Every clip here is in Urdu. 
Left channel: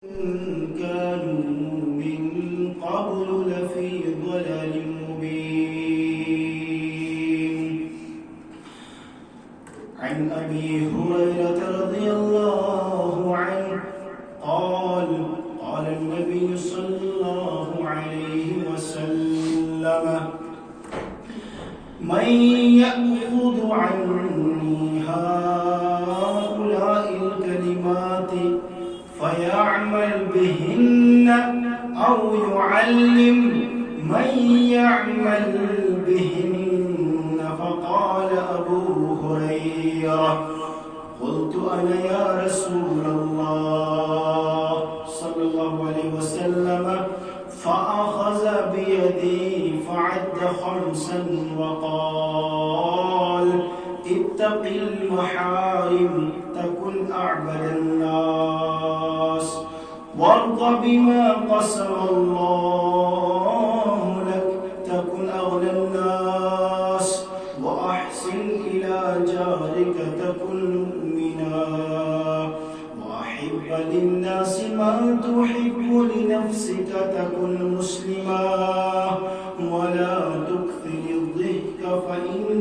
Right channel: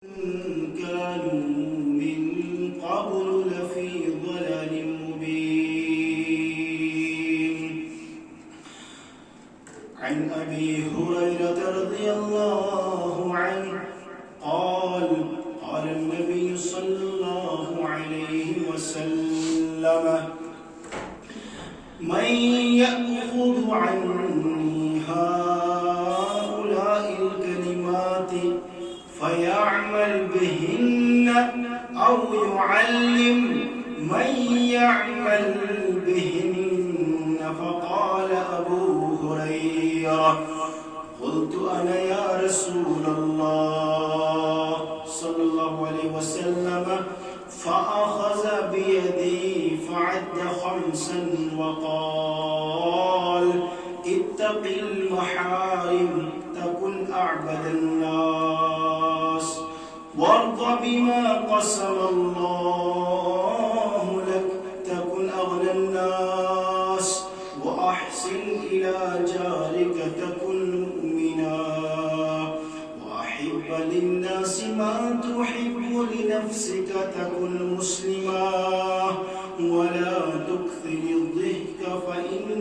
كانوا من قبل لفي ضلال مبين. عن أبي هريرة رضي الله عنه قال قال النبي صلى الله عليه وسلم من يأخذ عني هؤلاء الكلمات فيعمل بهن أو يعلم من يعمل بهن. فقال أبو هريرة قلت أنا يا رسول الله صلى الله عليه وسلم. فأخذ بيدي فعد 5 وقال اتق المحارم تكن أعبد الناس وارض بما قسم الله لك تكن أغنى الناس وأحسن إلى جارك تكن مؤمنا وأحب للناس ما تحب لنفسك تكن مسلما ولا تكثر الضحك فإن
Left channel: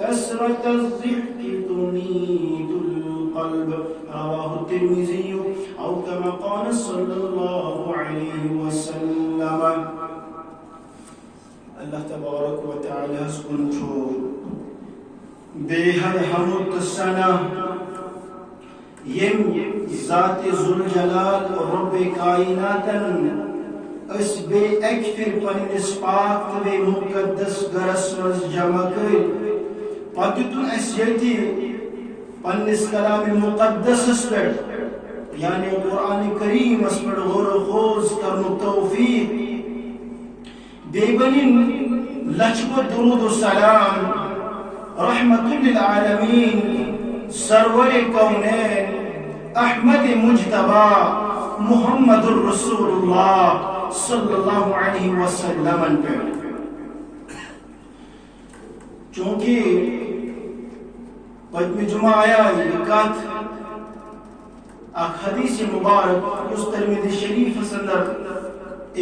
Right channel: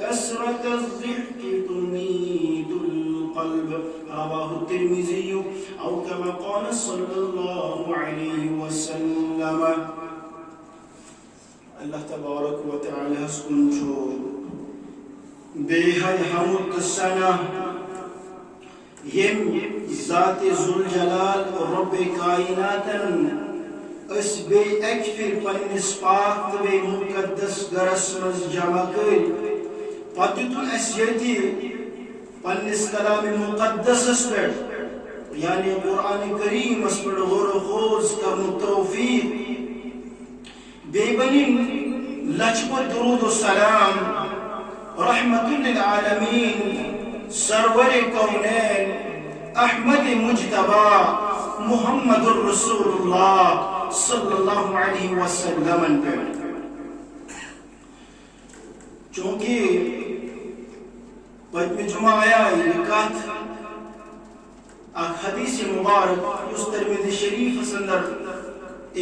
كثرة الضحك تميت القلب. رواه الترمذي أو كما قال صلى الله عليه وسلم. اللہ تبارک و تعالی سکن چھو بے حد حمد سنا یم ذات ذوالجلال رب کائناتن اس بے اکفر پنس پاک بے مقدس گرس مز جمع کر پتتن اس یتی پنس کلام مقدس اس پر یعنی قرآن کریم اس پر غور و خوض کرن توفیق بے بنین لچپت درود و سلام رحمت للعالمین سرور کونین احمد مجتبی محمد الرسول اللہ صلی اللہ علیہ وسلم پر. چونکہ پتم جمعہ آیا یہ کات اک حدیث مبارک اس ترمذی شریف اندر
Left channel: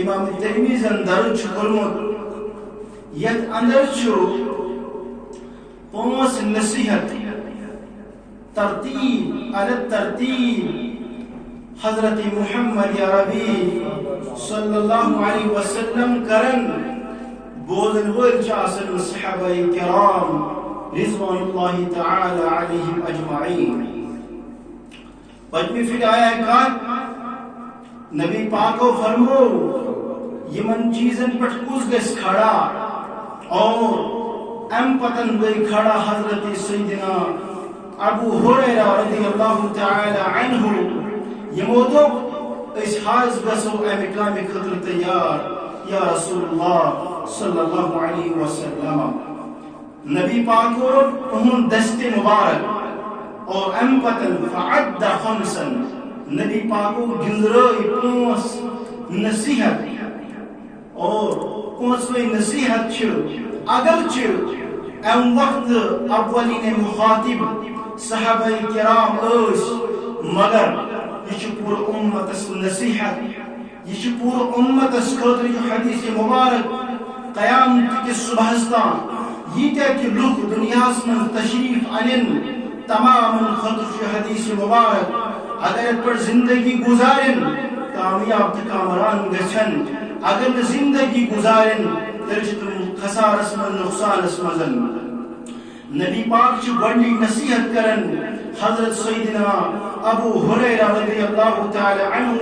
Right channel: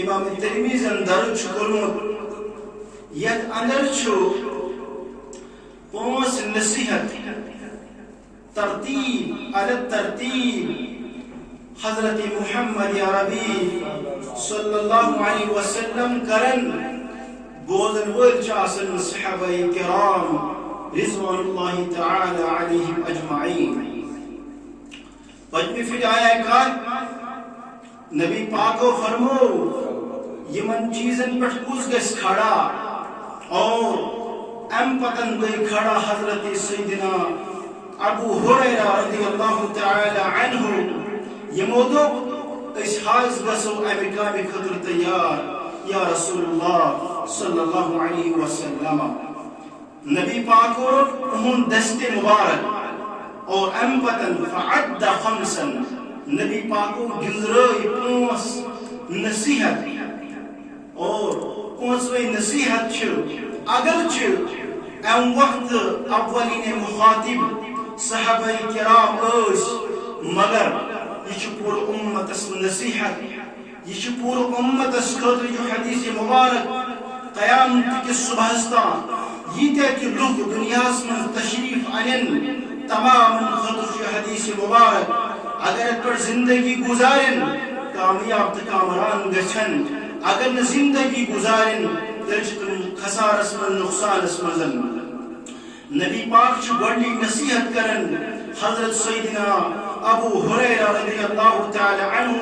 امام ترمذی اندر چھکرمت یت اندر چھو 5 نصیحت ترتیب علی الترتیب حضرت محمد عربی صلی اللہ علیہ وسلم کرن بولن ول چاسن صحابہ کرام رضوان اللہ تعالی علیہم اجمعین. پجمی فی آیا کات نبی پاکو فرمو یمن چیزن پٹ کس گس کھڑا اور ام پتن گئی کھڑا حضرت سیدنا ابو ہریرہ رضی اللہ تعالی عنہ یمودو اس حاض گسو امکام خطر تیار یا رسول اللہ صلی اللہ علیہ وسلم. نبی پاکو انہوں دست مبارک اور ام پتن فعد 5 نبی پاکو گنزرائی 5 نصیحت اور 5 نصیحت چھو اگرچہ ام وقت اولین مخاطب صحابہ کرام اس مگر یہ پور امت اس نصیحت یہ پور امت اس خاطر جو حدیث مبارک قیامت کے صبحستان یہ کہ لوگ دنیا میں تشریف انن تمام خاطر جو حدیث مبارک اگر پر زندگی گزارن کامیاب تکامران گچھن اگر زندگی گزارن ترجتن خسارس من نقصان اسمزن. نبی پاک چو بڑی نصیحت کرن حضرت سیدنا ابو ہریرہ رضی اللہ تعالی عنہ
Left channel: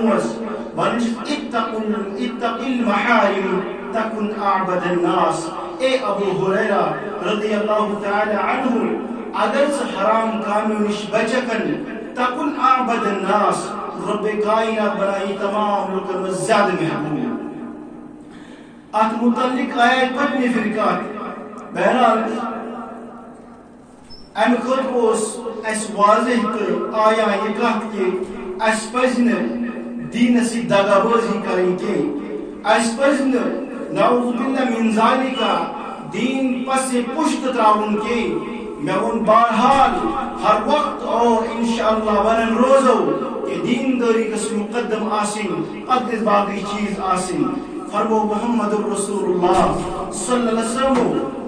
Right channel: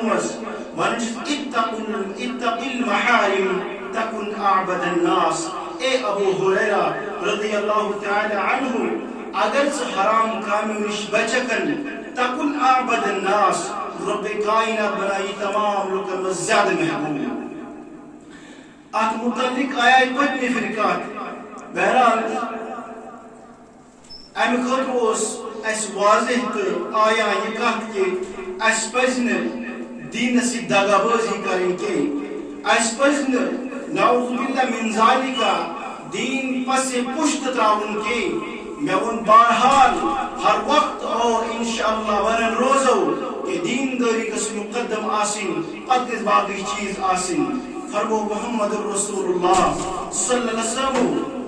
اتق المحارم تکن اعبد الناس. اے ابو ہریرہ رضی اللہ تعالی عنہ اگر سے حرام کامیوں نش بچکن تکن اعبد الناس رب کائنات بنائی تمام لوگوں میں زیادہ محبوب. ات متعلق آیات پتنی فرقات بہرحال ام خود اس واضح تو آیا یہ کہت کہ اس پزن دین سی دگا بازی کریں کہ اس پزن نعوذ باللہ من ذالک دین پس پشت تراؤن کے میں ان بہرحال ہر وقت اور انشاءاللہ ونن روزو کہ دینداری گژھِ مقدم آسٕنۍ پتہٕ گژھِ باقٕے چیٖز آسٕنۍ فرمو محمد رسول اللہ صلی اللہ علیہ وسلم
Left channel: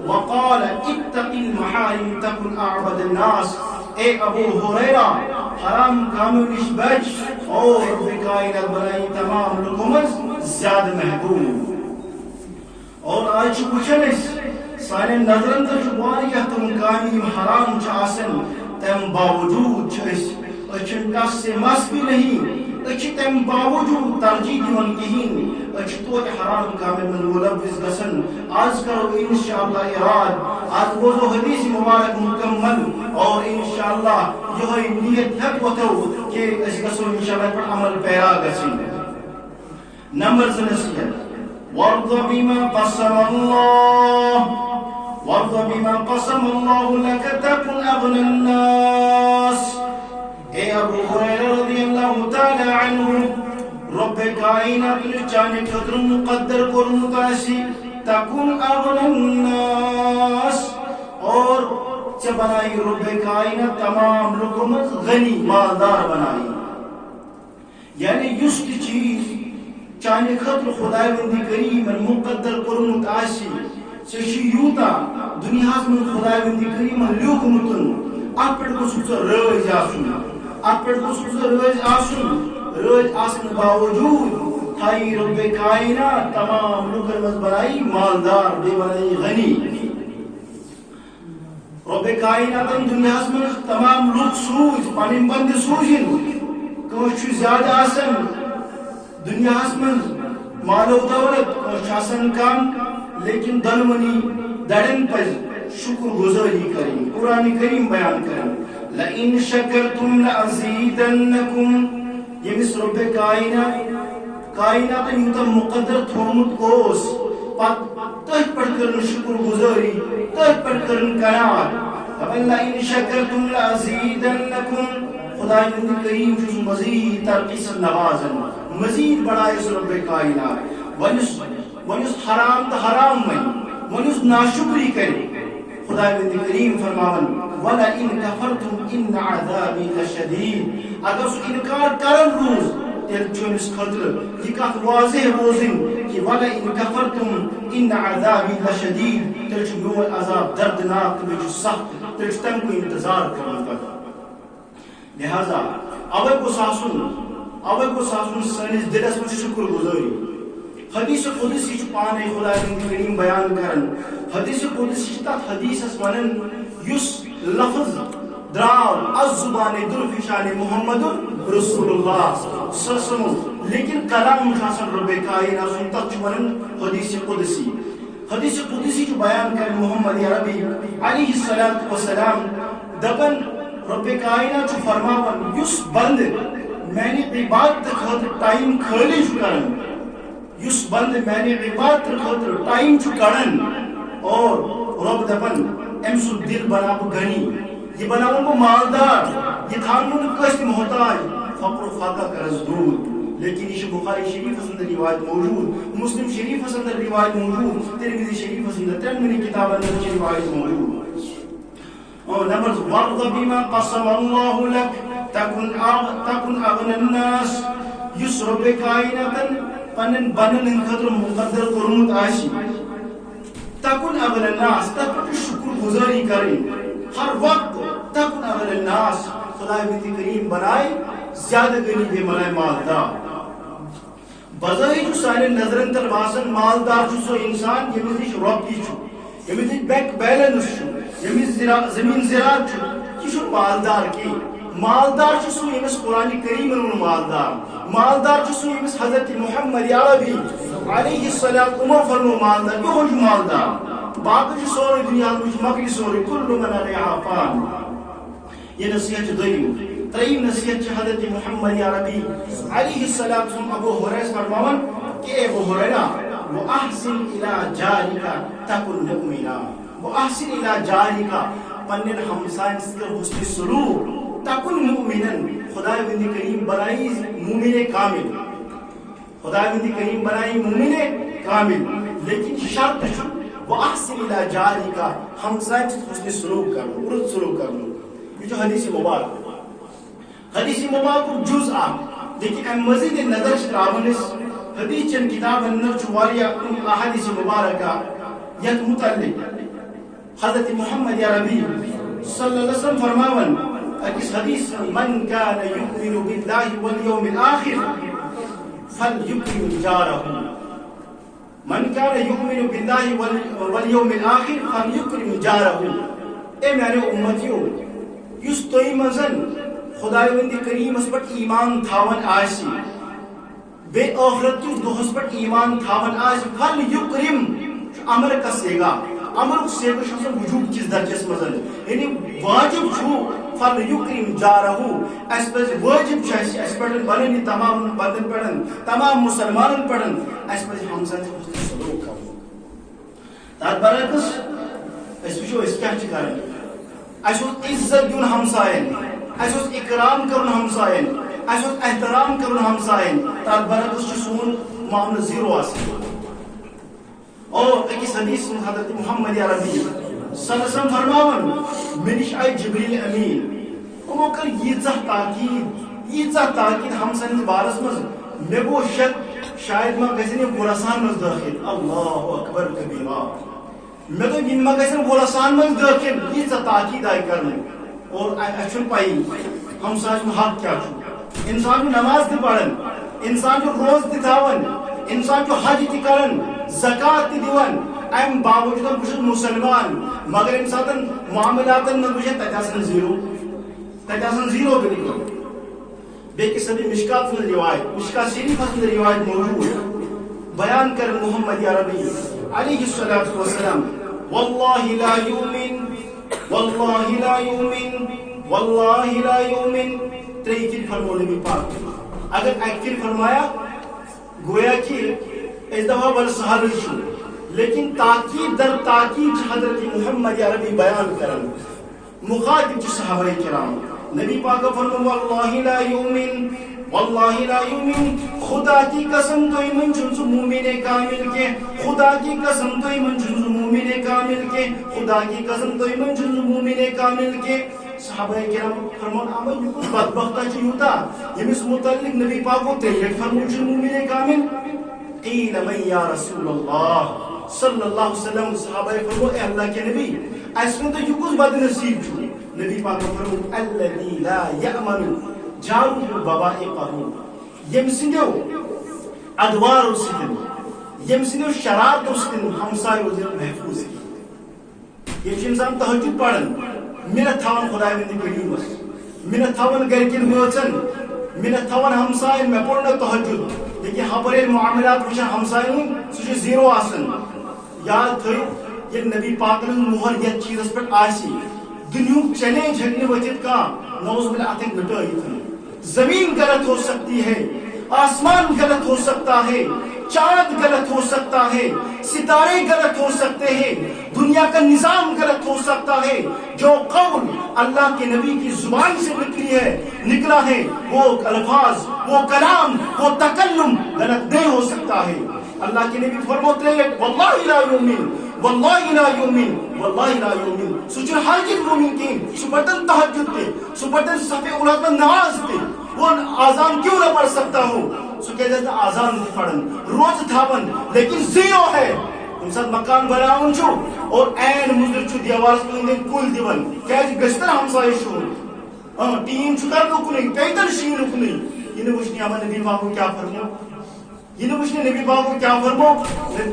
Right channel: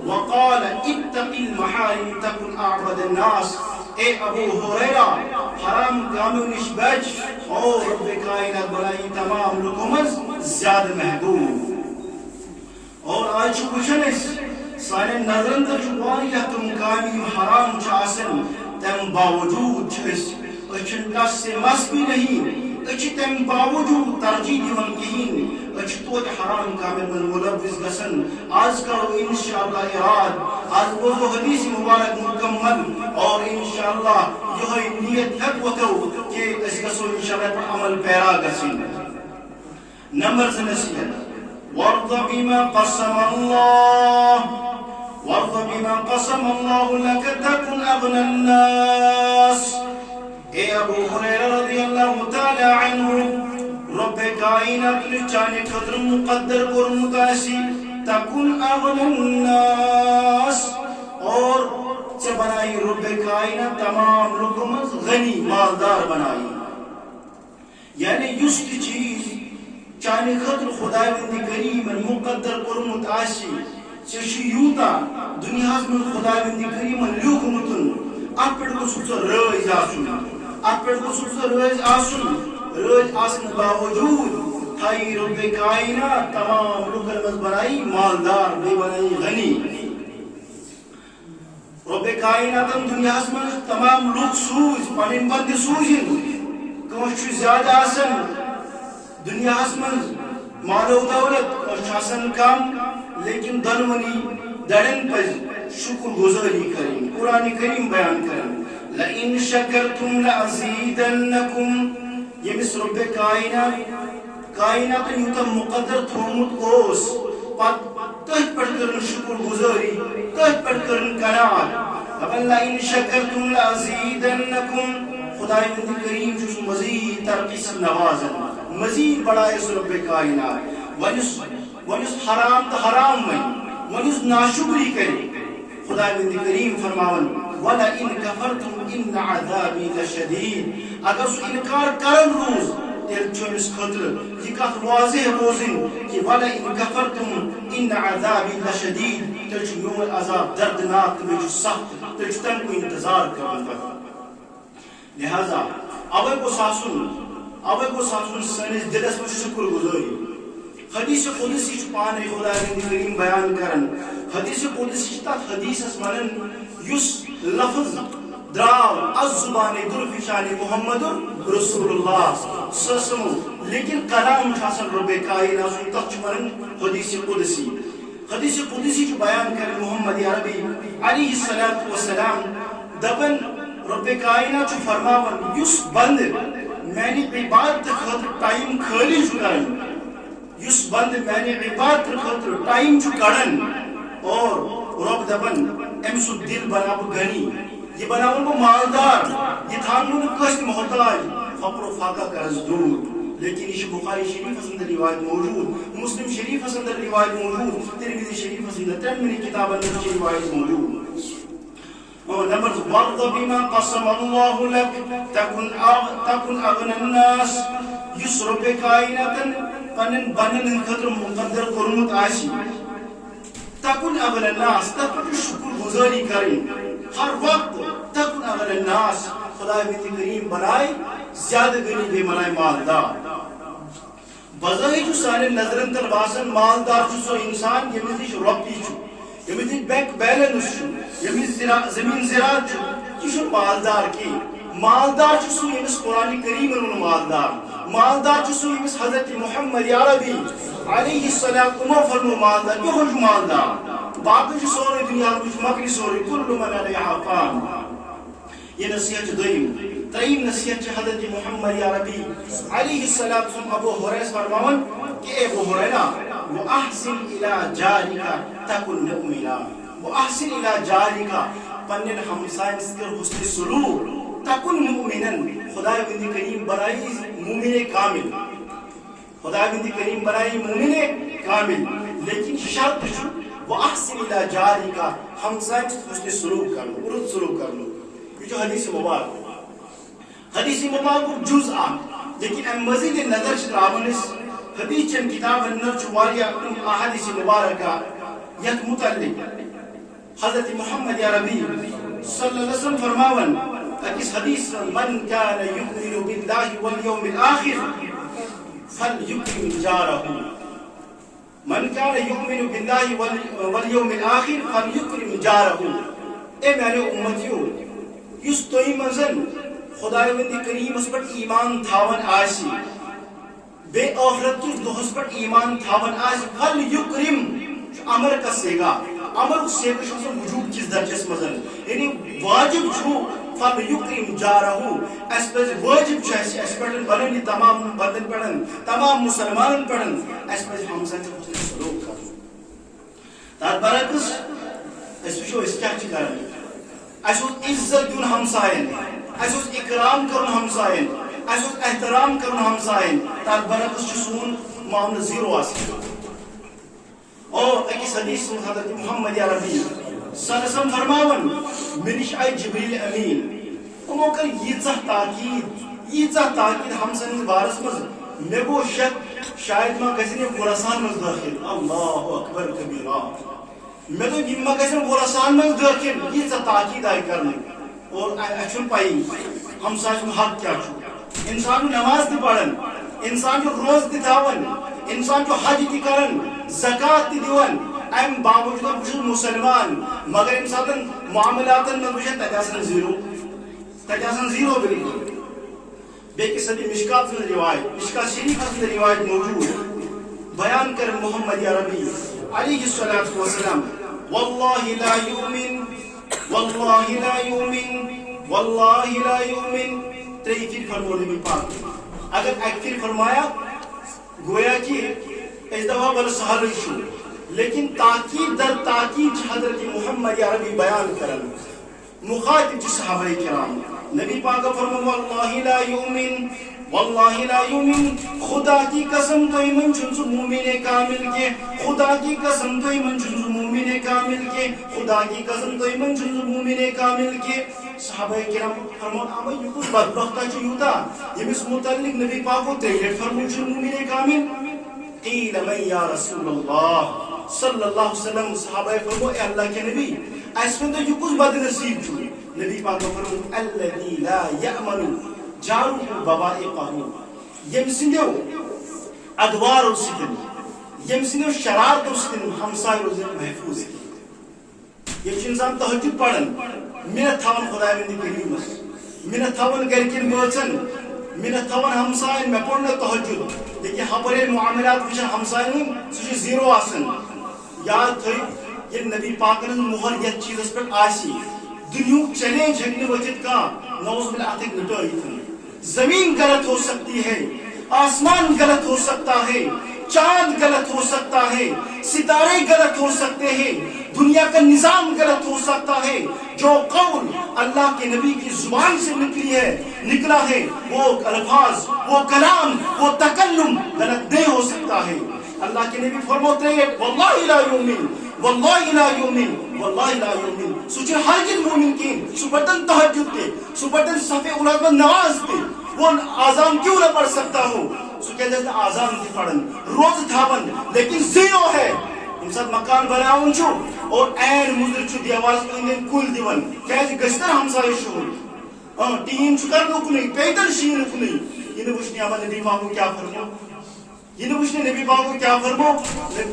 وقال اتق المحارم تكن اعبد الناس اے ابو ہریرہ حرام کاموں نش بچ اور رب کائنات بنائی تمام لوگوں میں زیادہ محبوب. اور آج وچھان سانن نظرن تر واریاہ تم کامہ حرام آسان تم باوجود چھن تس سے مس بھی نہیں تم باوجود ترجیح دان کہین توتہ حرام کامن من ملوث گسن. آج کرو انشاءاللہ اراد آج بوزو حدیث مبارک مکمل اور انشاءاللہ یہ نیت ہیت وتو کہ اس گسو انشاءاللہ پر عمل پیرا گسن. نمبر زٕ نصیحت وارض بما قسم الله لك تكن اغنى الناس. اے ابو ہریرہ رضی اللہ تعالی عنہ رب کائنات نے چانے خاطر مقدر کورمت آسی تکن اغنى الناس اور ژے بنائی رب کائنات تمام لوگوں میں غنی مالدار بنائی. یعنی یس چیز چانے خاطر خدای وندی کریم مقدر کورمت آسی ژے یوتا دنیا من خدای وندی کریم لیوکمتن ات پہ گوس رٲضۍ آسُن ات پہ گوس رٲضۍ آسن باوجود تھائی رب کائنات تمام لوکن مز بنائی مالدار بے بنائی غنی. رب کائنات دنیا من تمام لوگ سوز پن بند سوزن کس زیادہ آسن دنیا من مالو دولت کم لیکن دنونی دڑن پز شکر گزاری کریں. قرآن کریم بیان کریں لئن شکرتم لأزیدنکم. یمس رب کائنات یوتا مقدر تھومت اوس تہ پہ کرن شکر گزاری تہ پہ کرن قناعت. لئن شکرتم لأزیدنکم خدای وند کریم چھ مزید ترقی سے نوازن مزید بڑھائے اس رب کائنات. ونس حرام تو حرام ونس ناشکری کرے خدای وند کریم فرماون وَلَئِن كَفَرْتُمْ إِنَّ عَذَابِي لَشَدِيدٌ. اگر سو انکار کرن روز تیل چومس خطر یہ کت واضح روزن کہ وَلَئِن كَفَرْتُمْ إِنَّ عَذَابِي لَشَدِيدٌ تیل چھ میون عذاب دردناک تیل چھ سخت تیل چھ تم کو انتظار کرن تک. لہذا اوے کو ساسن سنس دلس میں شکر گزاری. حدیث قدسی چھ پانے خدا وند کریم بیان کرن حدیث قدسی تات حدیث ونن یس لفظ دراو از زبان درفشان محمد رسول اللہ صلی اللہ علیہ وسلم لیکن کلام حسن رب کائنات سن تات چھ ونن حدیث قدسی. حدیث قدسی چھ بیان کرن محمد عربی علیہ الصلوۃ والسلام دبن رب کائنات چھ فرماون یس بند میں نے عبادت خاطر ٹائم خالی چھ کرن یس بند میں نے عبادت خاطر ٹائم چھ کڑن اور رب دپن ام سو دل بنا غنی یہ بناون کو مالدار یہ تھانون کس محتاج فقر و فاقہ کرز دور. لیکن یہ بخاری شریف اندر روایت موجود مسلم شریف اندر روایت موجود ترمذی شریف اندر ترمذی کتاب اندر روایت موجود. نمبر وارض بما قسم الله لك تكن اغنى الناس. یس رب کائنات پنن بنن خاطر مقدر کورمت آسی تکن اغنى الناس تک شکر گزاری کریں ہر وقت. تکن اغنى الناس خدای وند کریم بنائے زیادہ غنی بے بنائے مالدار. بظاہر جو سارے نظرن تر باسن مالدار چھ سو انسان یمس نش رۄپیہِ چھ یمس نش بینک بیلنس چھ یمس زمین زراعت چھ یہ چھ مالدار کی. مالدار چھ سو یمس قرآن کریم ون مالدار چھ سو یمس حضرت محمد عربی علیہ السلام فرمو مالدار یہ چھ مالدار. باقی چھ سورے دنیا مکری سورے کل من علیہا فان. یہ نصیحت تریم نصیحت چھ حضرت محمد عربی علیہ السلام ابو ہریرہ فرماون کہ اے ابو ہریرہ واحسن الی جارک تکن مؤمنا. واحسن الی جارک پنن ہمسائن سے حسن سلوک تکن مؤمنا خدای وند کریم بنائی مومن کامل. خدای وند کریم بنائی مومن کامل لیکن شرط چھ واحسن الی جارک ہمسائن سے حسن سلوک کرو عرض سلوک کرو. یہ جو حدیث مبارک حدیث مبارک جز لیکن ام مزید نظر تراونس حدیث چن کتاب نرچواریا احادیث مبارکہ یت متعلق حضرت محمد عربی صلی اللہ علیہ وسلم فرماون اکس حدیث من کان یؤمن باللہ والیوم الاخر فلیکرم جارہ من کان یؤمن باللہ والیوم الاخر فلیکرم جارہ اے میانے امتیو یس توئی منزن خداوند کریمس پہ ایمان تھاون آسی بے آخرت کس دہس پہ ایمان تھاون آسی فل یکرم امر کا سیگا امر سیگا شخص وجوب کس درجس مزن یعنی واجب چھو فل یکرم جارہو اس پر واجب چھو اس پر بلنی تمام بندن پڑھن تمام مسلمان پڑھن اس پر ہمسا سے حسن سلوک کرو تات برعکس اس وچو اس کیا چکارن اس عزت دیون ہمسائن اس اکرام کرن ہمسائن اس احترام کرن ہمسائن تات برعکس سون معاملہ زیرو آسی اور ایک حدیث حضرت محمد عربی صلی اللہ علیہ وسلم فرماون منش آئی جبریل امین امو کر ییژہ تاکید ہمسائن بارس مز مے گو شک شاید ما گژھِ خراسان مز داخل اللہ اکبر کبیرہ مے تو یہ ما گژھِ خراسان مز داخل ییژہ تاکید آئی کرنے اور اچھن پائی ہمسائن حق کیا چھو انسان جو نماز تہ پڑھن انسان جو روز تہ تھاون انسان جو حج تہ کرن زکات تہ دیون ام باوجود بہ مسلمان مگر ام ساتن معاملاتن میں بجے تجاسن زیرو بالکل بیک صدی مشکات میں روایت مشکات شریف میں روایت موجود بیان کر محمد عربی علیہ الصلوۃ والسلام واللہ لا یؤمن واللہ لا یؤمن واللہ لا یؤمن تری پھر فرمو نبی پاک اگر ایک پھر فرمایا گویا کہ اس دفعہ بل سہل شو لیکن تاکید در تاکید حضرت محمد عربی بیان کرن مخاطب چھ صحابہ کرام نبی پاک فرمو واللہ لا یؤمن واللہ لا یؤمن خدا کی قسم تو ایمن چنس مومن کامل کے خدا کی قسم تو ایمن چنس مومن کامل کے خدا کی قسم تو ایمن چنس مومن کامل کے صحابہ کرام فرمان اما یہ کچھ بدبختہ چیوتا یمس متعلق نبی پاک کو تیلیٹ فرمون چن مومن کامل قیل من یا رسول اللہ صلی اللہ علیہ وسلم صحابہ فرمو اے اللہ کے نبی اس میں تو یہ کچھ بد نصیب چھو نبی پاک فرمو الذی لا یأمن جارو بوائقہ یم سندو ادوار سکن یم سندو شرارت سکن ہمسائے روزن محفوظ کی یہ انسان تہجد پڑھن منت تھاون خدای وندی کریمس منت تھاون گرکن بوچن منت تھاون ہمسائن میں پڑھنا تہجد لیکن ہمارے معاملات وچھن ہمسائن سوچ زیرو آسن یاد تھوئی یہ نبی پاک نے مہر یہ چیز پر آسی دنیا چیلنج ہٹنے وجد کا نوز باللہ اتک مٹائی زمین غلط ہو سکتی ہے آسمان غلط ہو سکتا ہے چاند غلط ہو سکتا ہے ستارے غلط ہو سکتے ہیں دنیا کا نظام غلط ہو سکتا ہے جو قول اللہ کے نبی کی زبان سے نکلا ہے وہ الفاظ وہ کلام وہ تکلم غلط نہیں ہو سکتا ہے اللہ کے نبی فرماتے ہیں واللہ لا یؤمن واللہ لا یؤمن واللہ لا یؤمن سوچے ہر جن مومن کی صبحتن تہجد دے صبحتن صفحہ اولاد میں نماز دے وہ آزان کیوں نہ پڑھ سکتا ہو سو کہ جیسے آزان نہیں پڑھن روز تھاون لیکن زیرو ہے انسان مکان بناون چھو اور این مزر چھو دیوار سے انہیں کل دیون کیسے گشتر ہمسائے شو ٹیم چھکر نو کنی پیدل شیر کنی یہ نبوشنی آمد نبی باقو کیا فرمو یہ نبوشنی نبی باقو کیا فرمو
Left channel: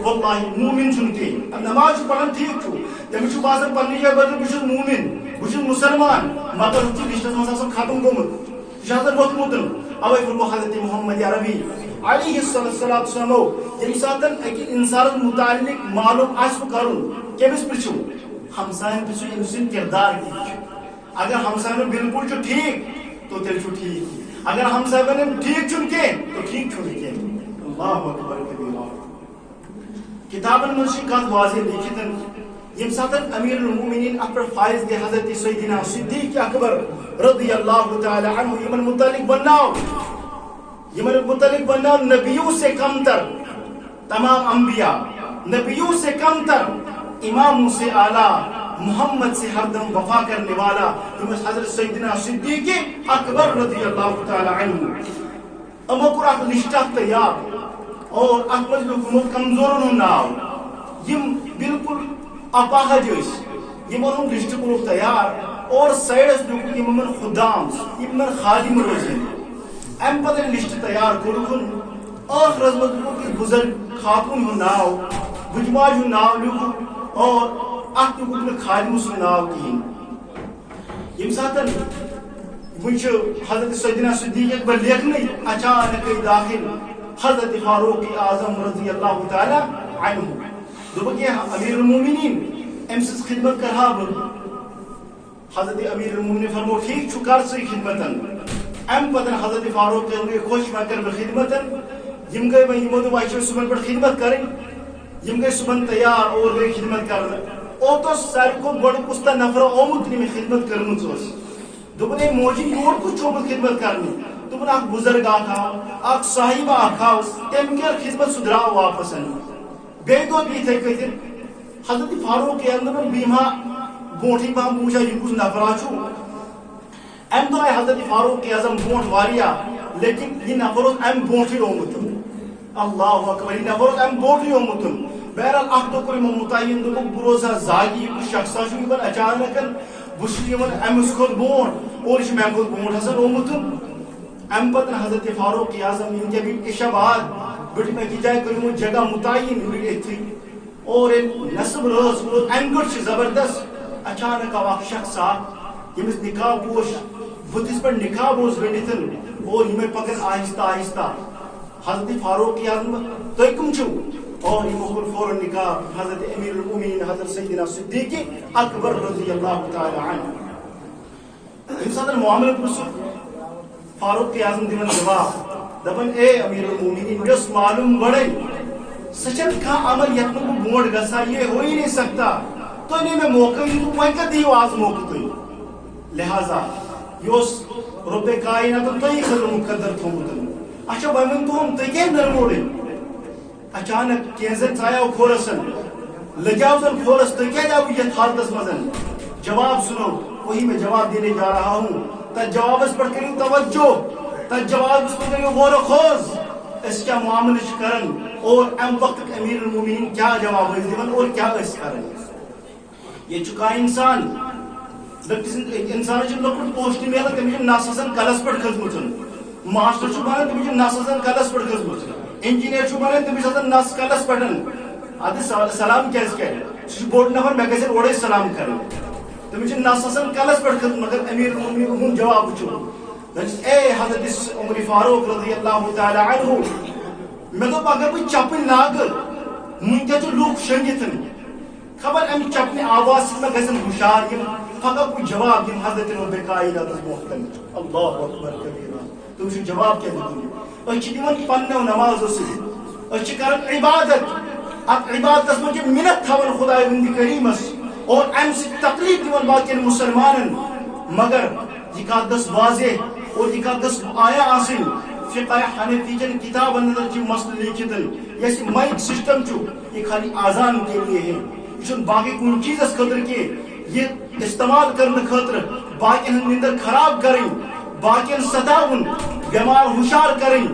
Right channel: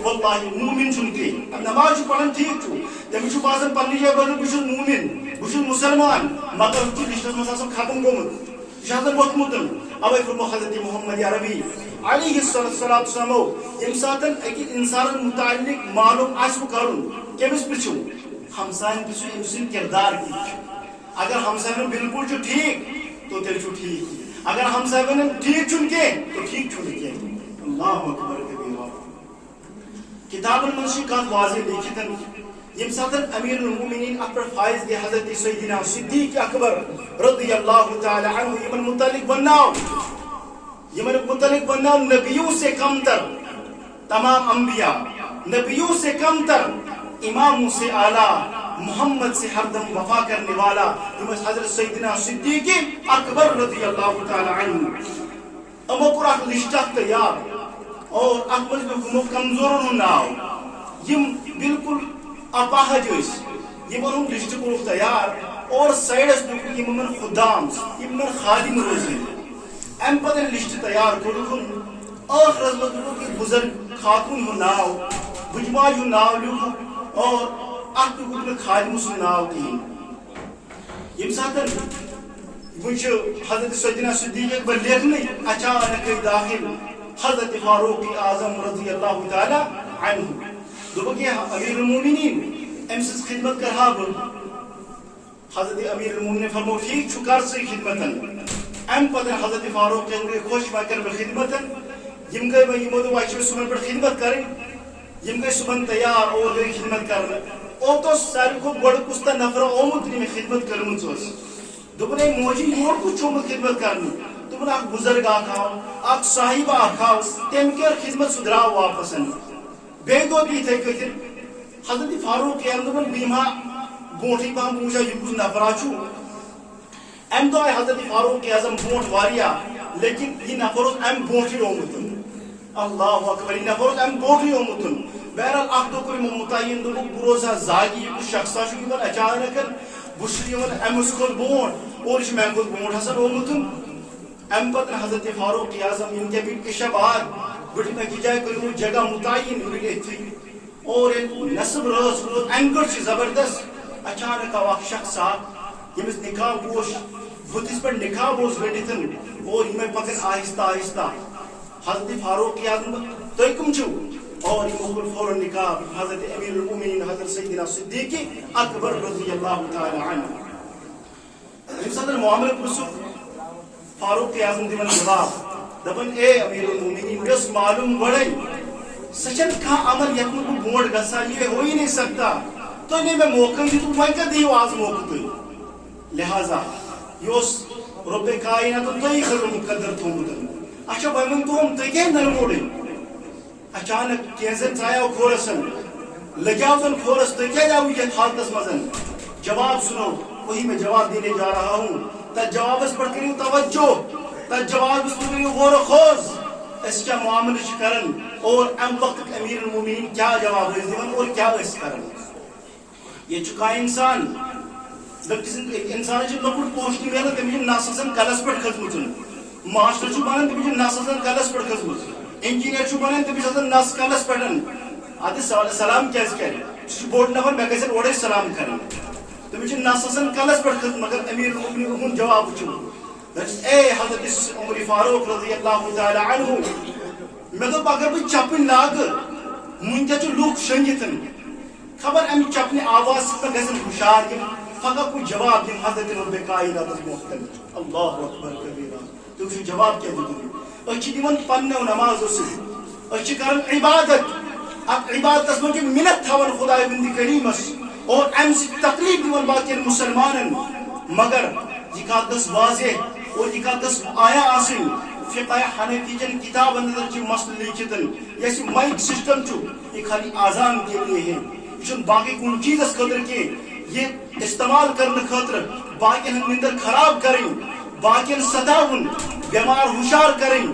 واللہ مومن چھنتے نماز چھو پڑھن ٹھیک چھو جب چھو بازن پڑھنی جائے بدل بشن مومن بشن مسلمان مگر چھو رشتہ مساسم ختم گومت شاہدہ بہت مدن اوے فرمو حضرت محمد عربی علیہ السلام امساتن اکی انسان متعلق معلوم آسو کرن کیمس پرچو ہمسائن پرچو امسن کردار کی اگر ہمسائن بالکل چھو ٹھیک تو تیل چھو ٹھیک اگر ہمسائن ٹھیک چھن کے تو ٹھیک چھن کے اللہ اکبر کبیرہ کتابن منشقات واضح لکھتن یمساتن امیر المومنین اپر فائز دے حضرت سیدنا صدیق اکبر رضی اللہ تعالی عنہ یمن متعلق بناؤ نبیوں سے کم تر تمام انبیاء نبیوں سے کم تر اماموں سے اعلیٰ محمد سے ہر دم وفا کرنے والا حضرت سیدنا صدیق اکبر رضی اللہ تعالی عنہ امو کور اخ لسٹ تیار اور ات مز لکھمو کمزورن ہند ناو یم بالکل اپاہج یمن لسٹ کور تیار اور سائڈس لکھ یمن خدام یمن خادم روزن ام پتہ لسٹ تیار کورکن آخرس مز لکھ بزرگ خاتون ہند ناو بجماج ہند ناو لکھ اور ات لکھ خادم سن ناو کہین یم ساتن وچ حضرت سیدنا صدیق اکبر لیکھنے اچانک داخل حضرت فاروق اعظم رضی اللہ تعالی عنہ دوپک امیر المومنین ام سز خدمت کرہا حضرت امیر المومنین فرمو ٹھیک چھ کر سی خدمتن ام پتن حضرت فاروق خوش میں کر خدمتن یم گئی میں یمو دو وائش صبح پر خدمت کریں یم گئی صبح تیار اور گئی خدمت کرنے او تو ساری کو بڑ کستا نفر آمد میں خدمت کرمت دوپنے موجی یور کو چوبت خدمت کرنی دوپن اخ بزرگ آکھاو اخ صاحب آکھاو تم کر خدمت سدراو واپس بے دو بھی تھے کہ حضرت فاروق اعظم بیما بوٹی پام پوچھا یہ کچھ نفر چھو ام دو حضرت فاروق اعظم بوٹ واریا لیکن یہ نفر ام بوٹی اومتن اللہ اکبر یہ نفر ام بوٹی اومتن بہرحال اخ دو کوئی متعین دو بروزہ زاگی شخصا چھو پر اچانک بشری من امس کھت بونٹ اور میں کھت بونٹ حسن اومتن ام پتن حضرت فاروق اعظم ان کے بھی عشاء بعد بڑی میں کی جائے کروں جگہ متعین ہوئی تھی اور نصب روز انگڑ زبردست اچانک اخ شخص یمس نکاح پوش وتس پر نکاح بوز ونتن اور یہ پکن آہستہ آہستہ حضرت فاروق اعظم تُہۍ کم چھو اور یہ مغل فوراً نکاح حضرت امیر المومنین حضرت سیدنا صدیق اکبر رضی اللہ تعالی عنہ ام ساتن معاملہ پرسو فاروق اعظم دن جواب دپن اے امیر المومنین یس معلوم بڑے سچن کا عمل یتن کو بونڈ گسا یہ ہو ہی نہیں سکتا تو نے میں موقع دی تو وہیں کا دیو آز موقع تو لہذا یوس رب کائنات تو ہی خبر مقدر تھو مدن اچھا بہمن تو ہم تکے نرموڑے اچانک کینزن چایا کھورسن لگاوزن کھورس تکے جاؤ یہ حالتس مزن جواب سنو وہی میں جواب دینے جا رہا ہوں تا جواب اس پر کریو توجہ تا جواب اس پر کریو غور و خوض اس کیا معاملہ کرن اور ام وقت امیر المومنین کیا جواب دیون اور کیا اس کرن یہ چکا انسان انسان جو لکٹ پوشتی میلا تمیجن ناسسن کلس پر خزمتن ماسٹر چھو بانن تمیجن ناسسن کلس پر خزمتن انجینئر چھو بانن تمیجن ناس کلس پڑھن آدھے سلام کیس کہہ چھو بورڈ نفر میں کیسے اوڑے سلام کریں تمیجن ناسسن کلس پر خزمتن مگر امیر المومنین جواب چھو اے حضرت عمر فاروق رضی اللہ تعالی عنہ میں تو اگر کوئی چپن لاگ منجا جو لوگ شنگتن خبر امی چپنے آواز سے میں گزن ہوشار کی فقط کوئی جواب دیں حضرت رب کائنات محترم اللہ اکبر کبیرہ تو اسے جواب کیا دیتے اچھی دیون پنہ و نماز سے اچھی کرن عبادت اب عبادت اس میں منت تھاون خدای بندی کریمس اور ام سے تقریب دیون باقی مسلمانن مگر یہ کا دس واضح اور یہ کا دس آیا آسن فقہ حنفی جن کتاب اندر جو مسئلہ لکھتن جیسے مائک سسٹم جو یہ خالی آزان کے لیے ہے یہ باقی کوئی چیز اس قدر کے یہ استعمال کرنے خاطر باقی اندر خراب کریں باقی ستاون بیمار ہوشار کریں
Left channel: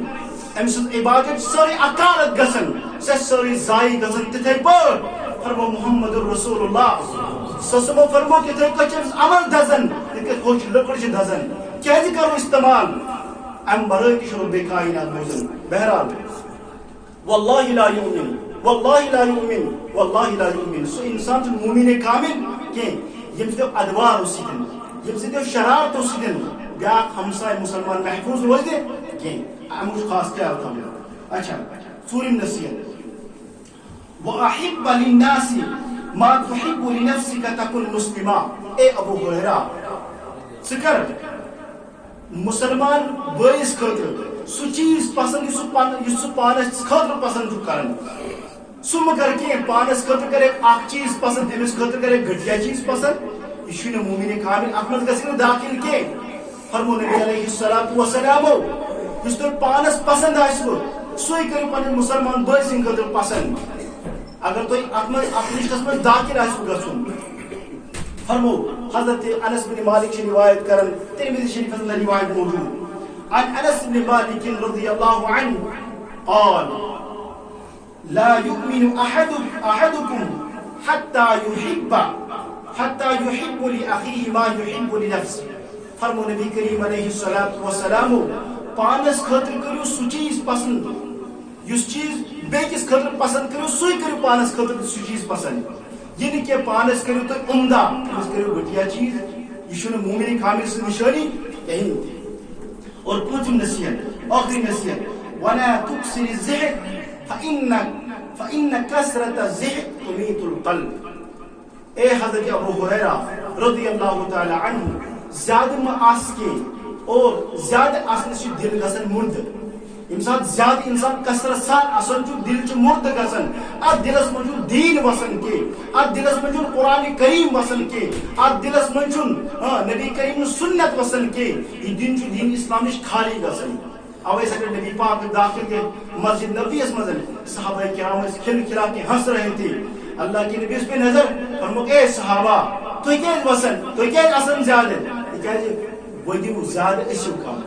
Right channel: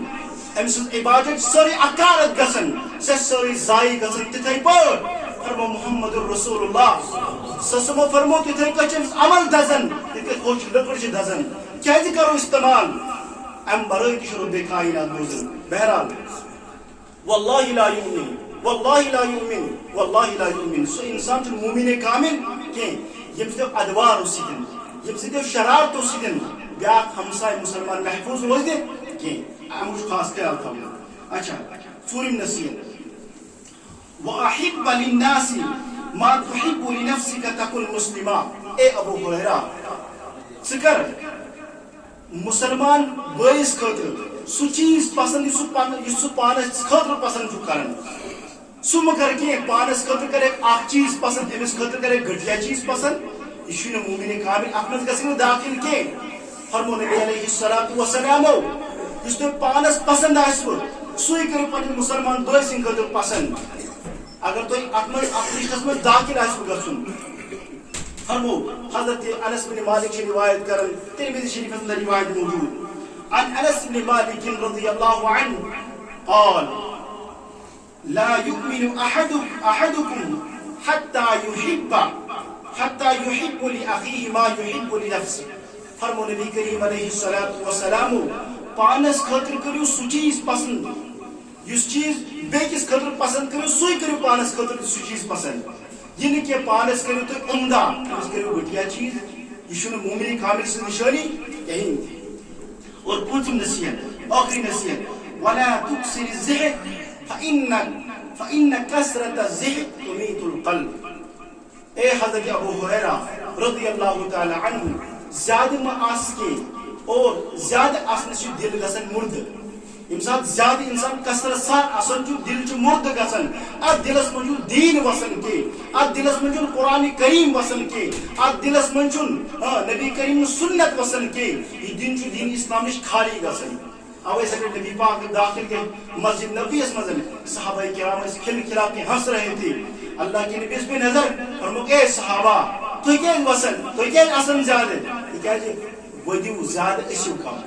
ام سن عبادت ساری اکارت گسن سے ساری زائی گسن تتھائی پر فرمو محمد رسول اللہ سسمو فرمو کہ تھے کچھ عمل دزن کہ خوش لکڑ چھ دزن کیسے کرو استعمال ام برای کی شروع بے کائنات موزن بہرحال واللہ لا یؤمن واللہ لا یؤمن واللہ لا یؤمن سو انسان جو مومن کامل کہ یم سے ادوار اسیدن یم سے شرارت اسیدن بیاق ہمسائے مسلمان محفوظ روز دے کہ ہموش خاص خیال تھا اچھا سورم نصیحت وَأَحِبَّ لِلنَّاسِ مَا تُحِبُّ لِنَفْسِكَ تَكُنْ مُسْلِمًا اے ابو ہریرہ سکر مسلمان بائیس خطر سو چیز پسند یسو پانس خطر پسند جو کرن سو مگر کی پانس خطر کرے آخ چیز پسند امس خطر کرے گھٹیا چیز پسند یہ چھو مومن کامل احمد گسنو داخل کے فرمو نبی علیہ السلام جس تو پانس پسند آئیسو سوئی کرو پانس مسلمان بائیس خطر پسند اگر تو اپنی قسم داخل آئیسو گسن فرمو حضرت انس بن مالک سے روایت کرن ترمذی شریف میں روایت موجود عن انس بن مالک رضی اللہ عنہ قال لا يؤمن احدكم حتى يحب لاخيه ما يحب لنفسه. فرمو نبی کریم علیہ الصلوۃ والسلام پانس خاطر کرو سو چیز پسند اس چیز بیکس خاطر پسند کرو سوئی کرو پانس خاطر سو چیز پسند. یہ نہیں کہ پانس کرو تو عمدہ اس کرو گھٹیا چیز. یہ شنو مومن کامل سے نشانی کہیں. اور پوچھم نصیحت آخری نصیحت ولا تكسر الزهد فإن كسرة الزهد تميت القلب. اے حضرت ابو ہریرہ رضی اللہ تعالی عنہ زیادہ ما آس کے اور زیادہ آسنے سے دل گسن مرد. یم سات زیادہ انسان کثرت سان آسن چو دل چو مرد گسن ات دلس من چون دین وسن کے ات دلس من چون قرآن کریم وسن کے ات دلس من چون نبی کریم سنت وسن کے یہ دین چو دین اسلامش خالی گسن. اوے سکر نبی پاک داخل کے مسجد نبی اس مزن صحابہ کرام اس کھل کھلا کے ہنس رہے تھے. اللہ کی نبی اس پہ نظر فرمو اے صحابہ تو کیا وسن تو کیا اصل زیادہ کیا جی ودیو زیادہ اسیو کم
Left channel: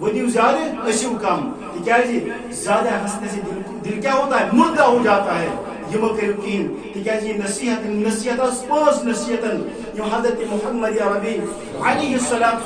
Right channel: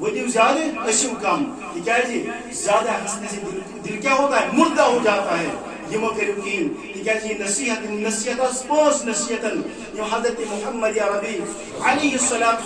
ودیو زیادہ اسیو کم. کیا جی زیادہ ہنسنے سے دل کیا ہوتا ہے مردہ ہو جاتا ہے. یہ موقع رکین کیا جی نصیحت پانچ نصیحتن یہ حضرت محمد عربی علیہ السلام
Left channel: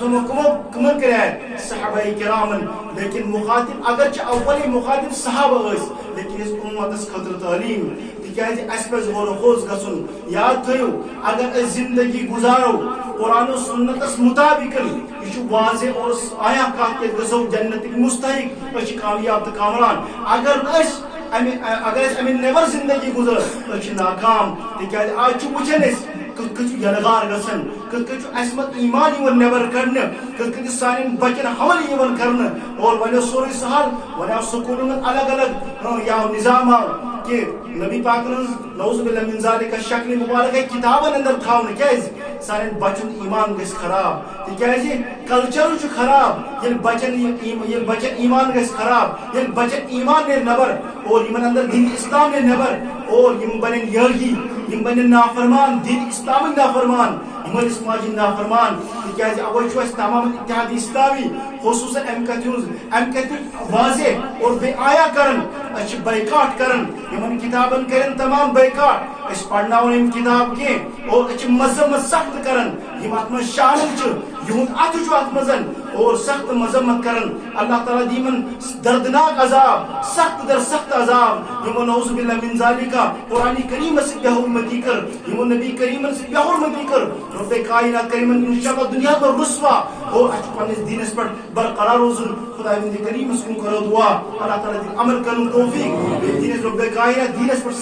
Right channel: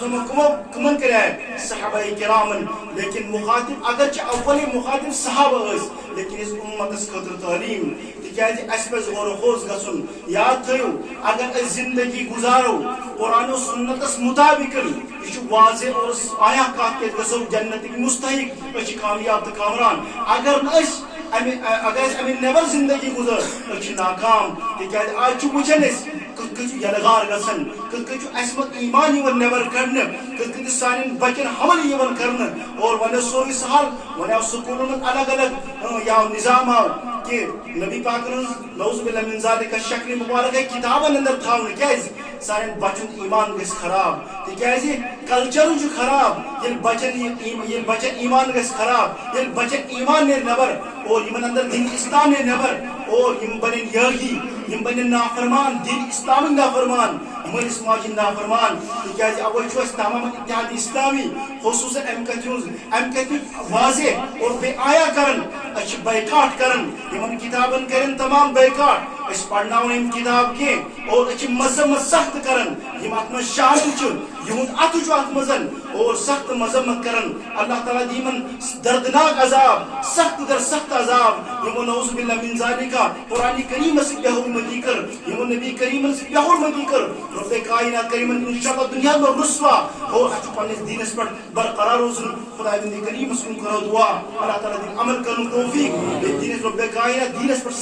کمن کرے صحابہ کرامن. لیکن مخاطب اگرچہ اولی مخاطب صحابہ اس لیکن اس امت اس خطر تعلیم کیا جی اس پر غور و خوض گسن. یاد تھیو اگر اس زندگی گزارو قرآن و سنت اس مطابق یہ واضح اور آیا کہا کہ گسو جنت مستحق اس کامیاب تو کامران. اگر اس امن نیبر زندگی گزر اس ناکام. تکیاز آج وچن کت یلغار گسن کت اسمت ایمان یون نیبر کرنے کت سان بچن حمل یون کرنے اور ونیو سوری سہل ونیو سکولن الگ الگ یا نظام کہ نبی پاک نعوذ باللہ من ذالک شکل مبارک کتابن اندر تھاون کیاز سان بچن ایمان گس خراب. تکیاز کلچر چھ خراب یل بچن ایمان گس خراب یل بچن ایمان نے نبر اور یمن اندر دین اسلام نے نبر اور یم بنن یاگی یم بنن نافرمان دین اسلام نافرمان ہمارے سماجی نافرمان. تکیاز اول چھ تمام اتحاد اسلامی خصوصا امکت واضح اور بے آیا کرن اچھ بائیکاٹ کرن یمن کتابن کرن تمام بائیکاٹ اس پڑھنا ان کتاب کے اور اچھ مذمت سخت کرن یم اتم شامل چھ یہود اتو چھ اتمزن اور سخت مذمت کرن. اللہ تعالی دیمن دردناک عذاب سخت در سخت عذاب یمن نعوذ باللہ من ذالک قرآن کریم سے بے حرمتی کر یمن نبی کریم سے بے حرمتی کر رب کائنات کریمن انشاءاللہ دنیا میں رسوا اور اچھ پانس دین اس پر برقرار روزن خدا بندی کریم سے کرو دعا اللہ تعالی دین عمل کرن توفیق دین رب کائنات دین اس پر